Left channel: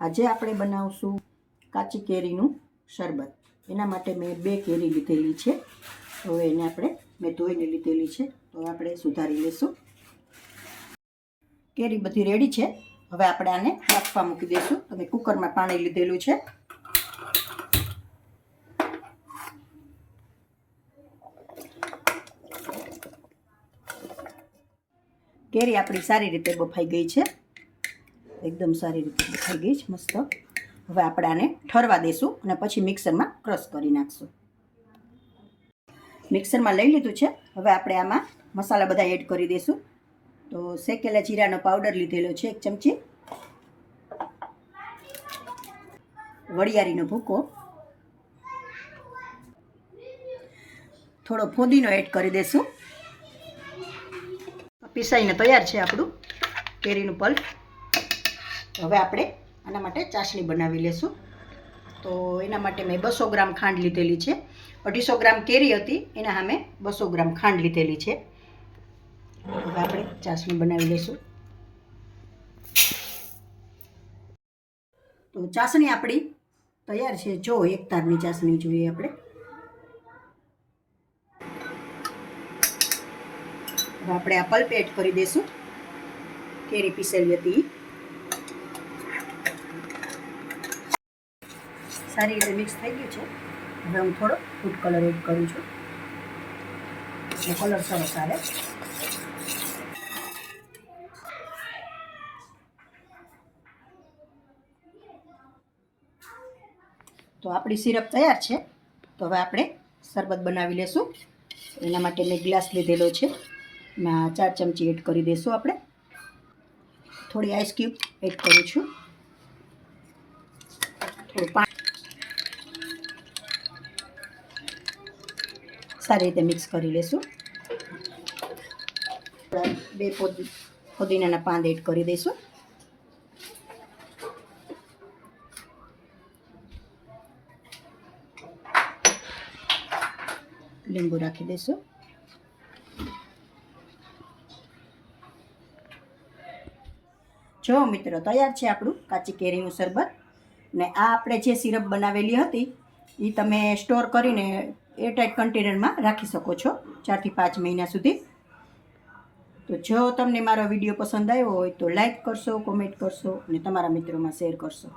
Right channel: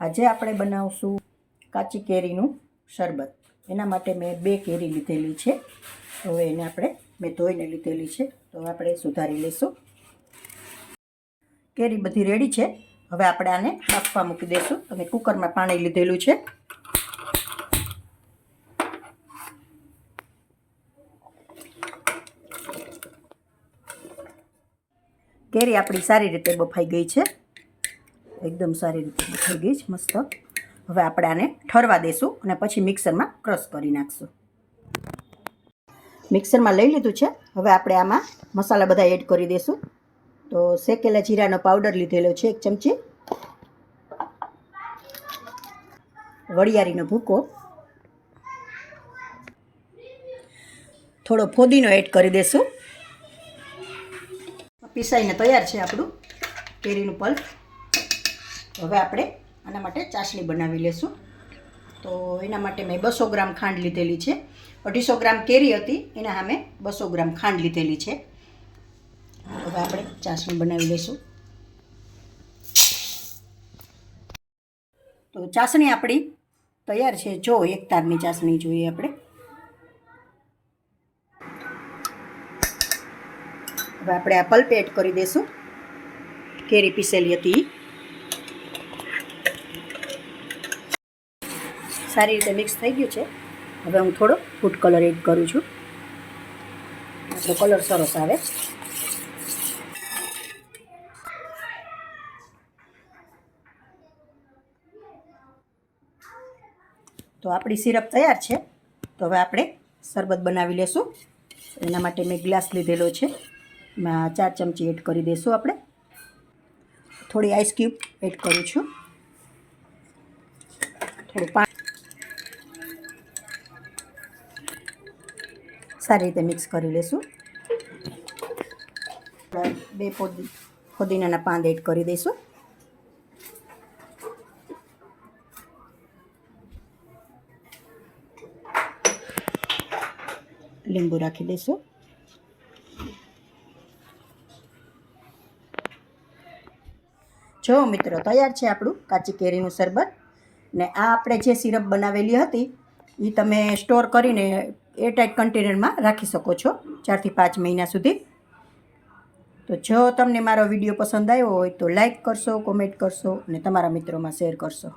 આજે આપણે બનાવશું કાચી કેરીનું શરબત. એના માટે મેં 2 કેરી લીધેલી છે. હવે એને મેં ધોઈને લીધેલી છે, તો આપણે સુધારી લઈશું. કેરી બધી રેડી છે. હવે આપણે આને બાફવા મૂકી દઈશું. અને કુકરમાં પાણી લીધેલું છે. કેરી આપણી સારી રીતે બફાઈ ગઈ છે. એકદમ સારી રીતે બફાઈ ગઈ છે, મસ્ત. હવે આપણે આને ઠરવા દઈશું અને પછી મિક્સરમાં ક્રશ કરી નાખશું. મિક્સરમાં લઈ લીધું છે. હવે આપણે આમાં મસાલા બધા એડ કરી દઈશું. તો શેકેલા જીરાનો પાવડર લીધેલો છે 1 ચમચી, વરિયાળીનો ભૂકો, થોડો ફોદીનો એડ કરી દઈશું. પીસાઈને તૈયાર છે આપણું કેરીનું પલ્પ. હવે આપણે આના માટે ચાસણી બનાવી લઈશું. તો એના માટે મેં 200 ગ્રામ ખાંડ લીધેલી છે. 250 ગ્રામ કેરી હતી, એના સામે 200 ગ્રામ ખાંડ લીધેલી છે. હવે આપણે ચાસણી બનાવી લઈશું. તો ચાસણી આપણી તૈયાર છે. જો એક તારની ચાસણી જોઈએ આપણે. હવે આપણે આ પલ્પ એડ કરી દઈશું. કેરી પીસેલી હતી. સારી રીતે મિક્સ થઈ ગયું છે. હવે હું થોડો ફૂડ કલર એડ કરું છું, એટલે કલર સરસ આવે. તો આપણી સિરપ તૈયાર છે. તો હવે આપણે શરબત બનાવી લેશું. એના માટે મેં ગ્લાસ લીધેલો છે. એમાં 4 ચમચી એડ કરી દઈશું આપણે. થોડી આઈસ ક્યુબ એડ કરું છું. થોડું પાણી. સારી રીતે મિક્સ કરી લેશું. 2 ફુદીનાના પાન એડ કરી દઈશું. લીંબુ રાખી દઈશું. જો મિત્રો, તૈયાર છે આપણું કાચી કેરીનું શરબત. ને આ આપણે જે સિરપ બનાવેલી હતી એ તમે સ્ટોર કરીને એરટાઇટ કન્ટેનરમાં રાખી શકો છો 4 થી 5 મહિના સુધી. તો જો તમને મારો વિડીયો પસંદ આવ્યો હોય તો લાઈક કરશો, કોમેન્ટ કરશો અને તમારા મિત્રોમાં શેર કરશો.